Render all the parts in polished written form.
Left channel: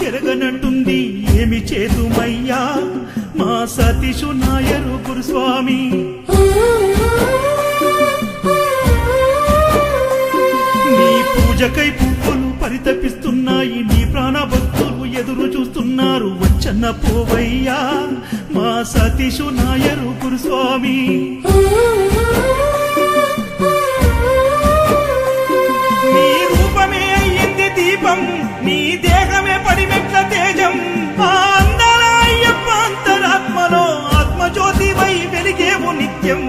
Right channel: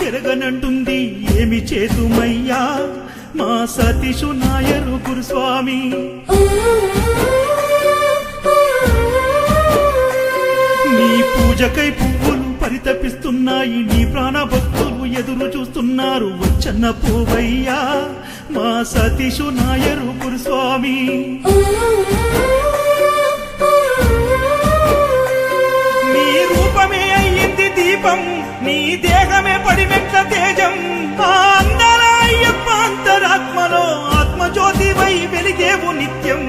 చెరగనంటుంది ఏమి చేతుమయ్యా మా సతీషు నాయరు గురుస్వామి నీ పూజకై పువ్వులు పరితపిస్తున్నాయి నీ ప్రాణభక్తులు ఎదురు చూస్తున్నారు వచ్చన్న పోవయ్యా మా సతీషు నాయరు గురుస్వామి నీ రూపమే అయ్యింది దీపం నీ దేహమే పడిమెట్ల తేజం ఆ అందాల అయ్యప్ప అంతరాత్మలో ఆత్మజ్యోతివై వెలిగేవు నిత్యం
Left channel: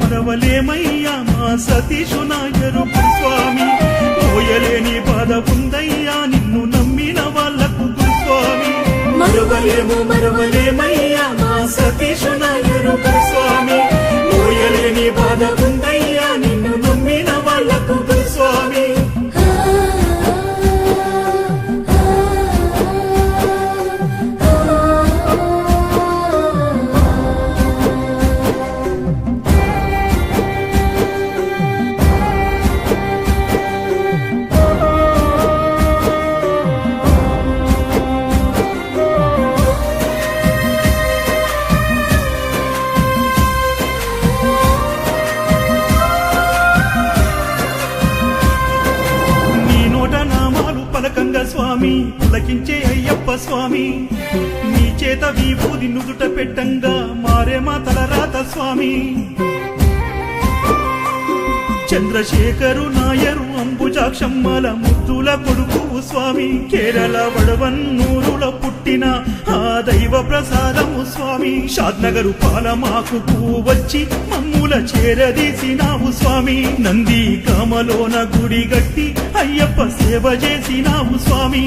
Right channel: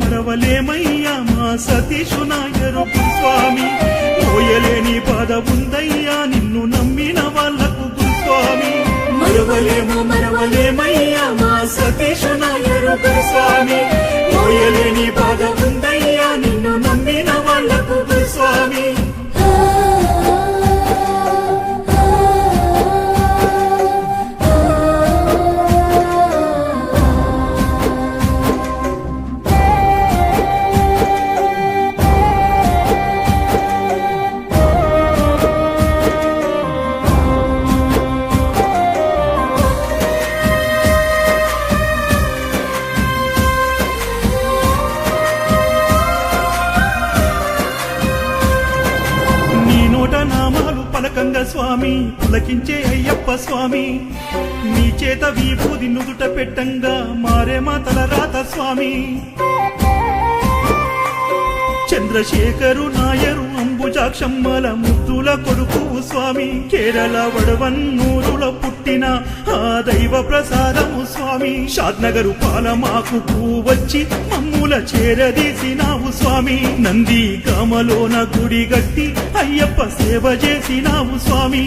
మరవలేమయ్యా మా సతీషు నాయరు గురుస్వామి మోయలేని బాధ ఉందయ్యా నిన్ను నమ్మిన వాళ్లకు గురుస్వామి మరవలేమయ్యా మా సతీషు నాయరు గురుస్వామి మోయలేని బాధ ఉందయ్యా నిన్ను నమ్మిన వాళ్లకు గురుస్వామి నీ నోట నామాలు పలకంగా స్వామి పులకించే అయ్యప్ప స్వామి నీ చేత విభూది నుదుట పెట్టంగా మారే మా తలరాత స్వామి చంద్రశేఖరు నాయరు అంబుజాక్షమ్మల ముద్దుల కొడుకు స్వామి కేరళ వడవన్నూరులో పుట్టిన ఆ దైవ ప్రసాదము స్వామి షాద్నగరు పాలమాకు వచ్చి మమ్ముల చేరదీసినావు స్వామి నంది కామలోన గుడి గట్టి అయ్యప్ప సేవ చేసినావు స్వామి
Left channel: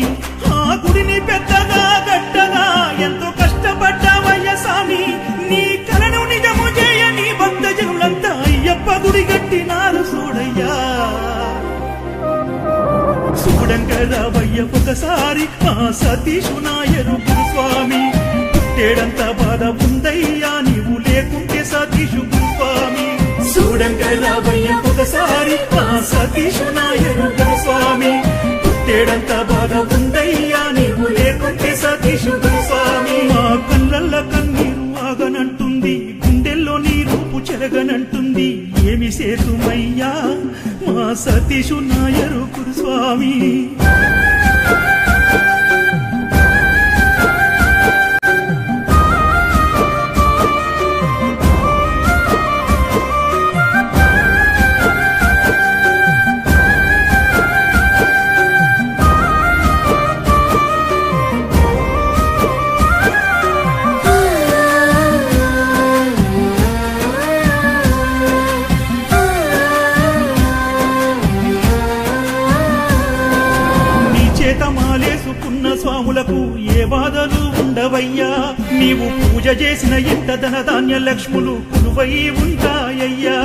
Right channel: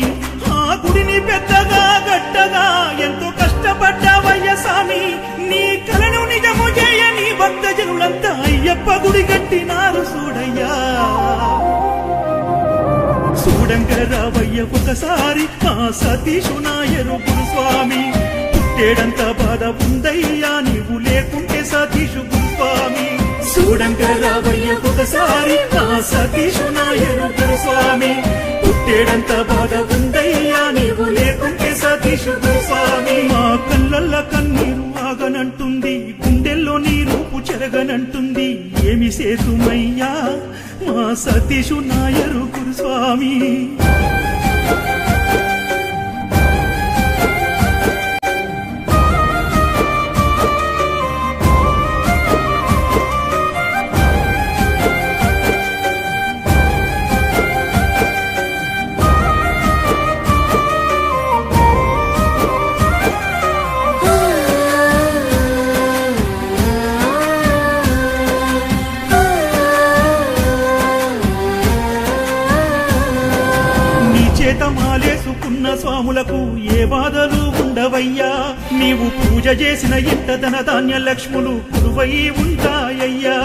ఆ గుడిని పెద్దగా గట్టగా ఎంతో కష్టపడ్డావయ్య స్వామి నీ కలను నిజము చేయ నీ భక్త జనులంతా అయ్యప్ప గుడి గట్టినారు చూడయ్యా చూడంగా రావయ్య ఒకసారి మా సతీషు నాయరు గురుస్వామి పుట్టేడంత బాధ ఉందయ్యా నీవు లేకుంటే సతీషు గురుస్వామి చూడంగా రావయ్య ఒకసారి మా సతీషు నాయరు గురుస్వామి పుట్టేడంత బాధ ఉందయ్యా నీవు లేకుంటే సతీషు గురుస్వామి మా కళ్ళల్ల కన్నీరు ఆగనంటుంది గుండెల్లో నీ రూపు చెరగనంటుంది ఏమి సేతుమయ్యా మా సతీషు నాయరు గురుస్వామి చేత మాలేసుకున్న స్వాములకు ఏ బాధలు ఉండవయ్యా నీవు పూజ చేసిన ఇంట ధనధాన్య లక్ష్ములు కొలువై ఉంటాయ్యా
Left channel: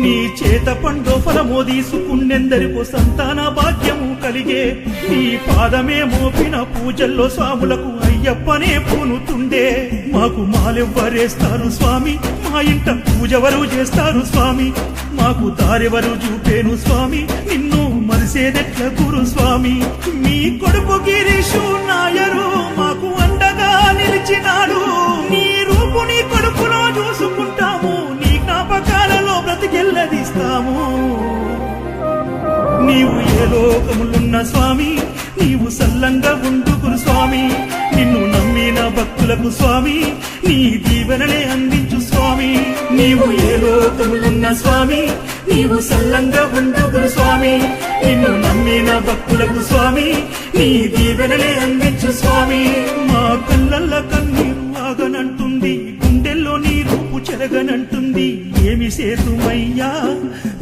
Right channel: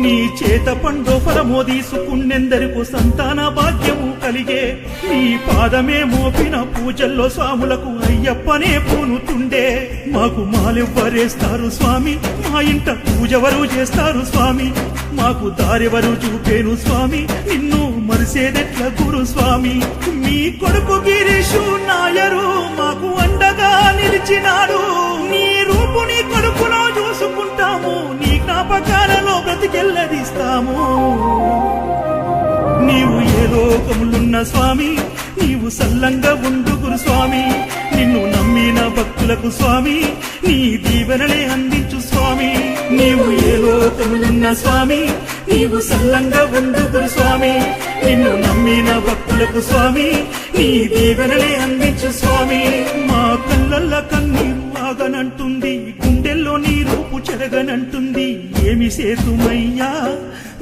నీ చేత పండో ఫలమో తీసుకున్నెందరికో సంతాన భాగ్యము కలిగే నీ పాదమే మోపిన పూజల్లో స్వాములకు అయ్యప్పనే పూనుతుండే మాకు మాలెవ్వరేస్తారు స్వామి మా ఇంట పూజవరు చేస్తారు స్వామి మాకు దారెవరు చూపేను స్వామి నిన్ను మరిసేదెట్ల గురు స్వామి మీ కొడుకు గిరీషు నాయరు మాకు అండగా నిలిచినాడు నీ రూపు నీ కొడుకులో చూసుకుంటాము నీ జ్ఞాపకాలలో బ్రతికెల్లదిస్తాము నీవు ఏ లోకములున్న స్వామి నీవు సల్లంగా ఉండు గురు స్వామి నిన్ను నమ్మిన భక్తులకు స్వామి నీ దీవెనలే అందించు స్వామి నీవు ఏ లోకములున్న స్వామి నీవు సల్లంగా ఉండు గురు స్వామి నిన్ను నమ్మిన భక్తులకు స్వామి నీ దీవెనలే అందించు స్వామి మా కళ్ళల్ల కన్నీరు ఆగనంటుంది గుండెల్లో నీ రూపు చెరగనంటుంది ఏమి సేతుమయ్యా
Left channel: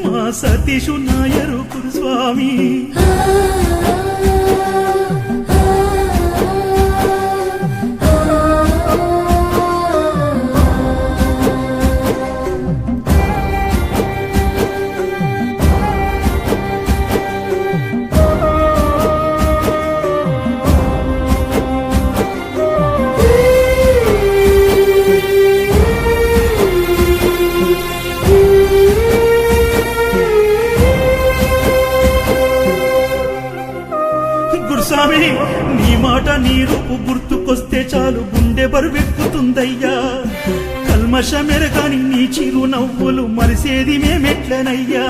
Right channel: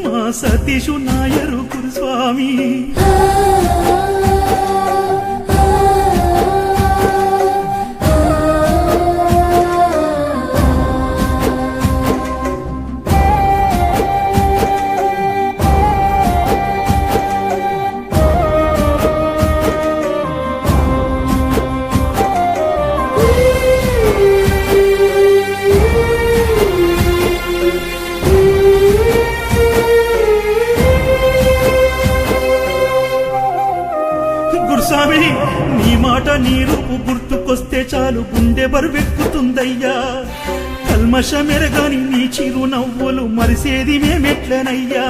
మా సతీషు నాయరు గురు స్వామి గురుస్వామి నీ మాట నీ రూపు గుర్తుకొస్తే చాలు గుండె బరువెక్కుతుందయ్యా కల్మషమెరగాని నీ చిరు నవ్వులు మరిసేది మేమెట్లనయ్యా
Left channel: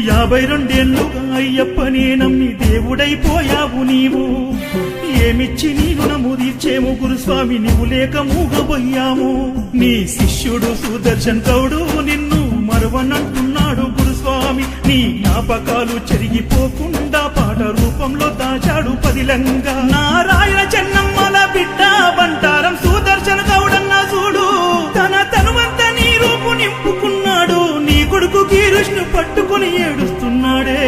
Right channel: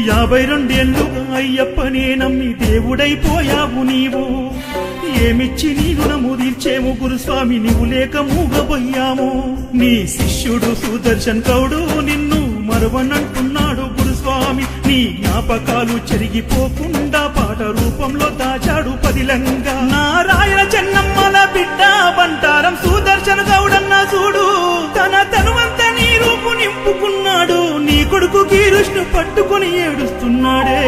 52 ఏళ్లుగా అయ్యప్పనే నమ్మి దేవుడైపోయావు నీవు ఏమిచ్చి నీ రుణము తీర్చేము గురుస్వామి నీవు లేక మూగబోయాము నీ శిష్యుడు సుదర్శన్ గౌడు నిన్ను మరవనంటున్నాడు గురుస్వామి నీ జ్ఞాపకాలు చెరిగిపోకుండా పాట రూపంలో దాచాడు పదిలంగా నారాయణ చెన్నమ్మల బిడ్డ బంటారం సుదర్శన్ గౌడన్న చూడు తన తనువంత నీ రూపు నింపుకున్నాడు నీ కొడుకు కీరుష్ను పట్టుకొని ఏడుస్తున్నాడే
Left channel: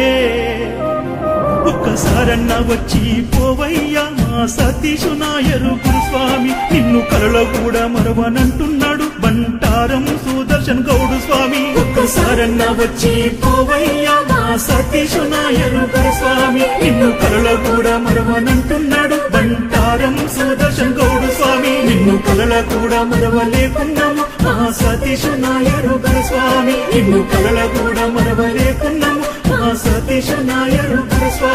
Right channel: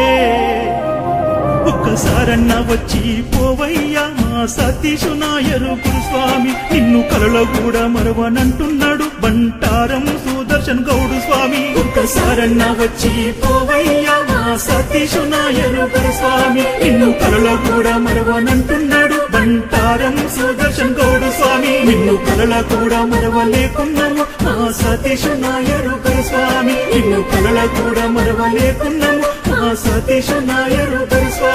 ఒక్కసారన్నా వచ్చి పోవయ్యా మా సతీషు నాయరు గురుస్వామి నిన్ను కలలో కూడా మరవనంటున్నాడు బంటారం సుదర్శన్ గౌడు స్వామి ఒక్కసారన్నా వచ్చి పోవయ్యా మా సతీషు నాయరు గురుస్వామి నిన్ను కలలో కూడా మరవనంటున్నాడు బంటారం సుదర్శన్ గౌడు స్వామి నిన్ను కలల కూడా మరవలేకున్నాము మా సతీషు నాయరు గురుస్వామి నిన్ను కలల కూడా మరవలేకున్నాము మా సతీషు నాయరు గురుస్వామి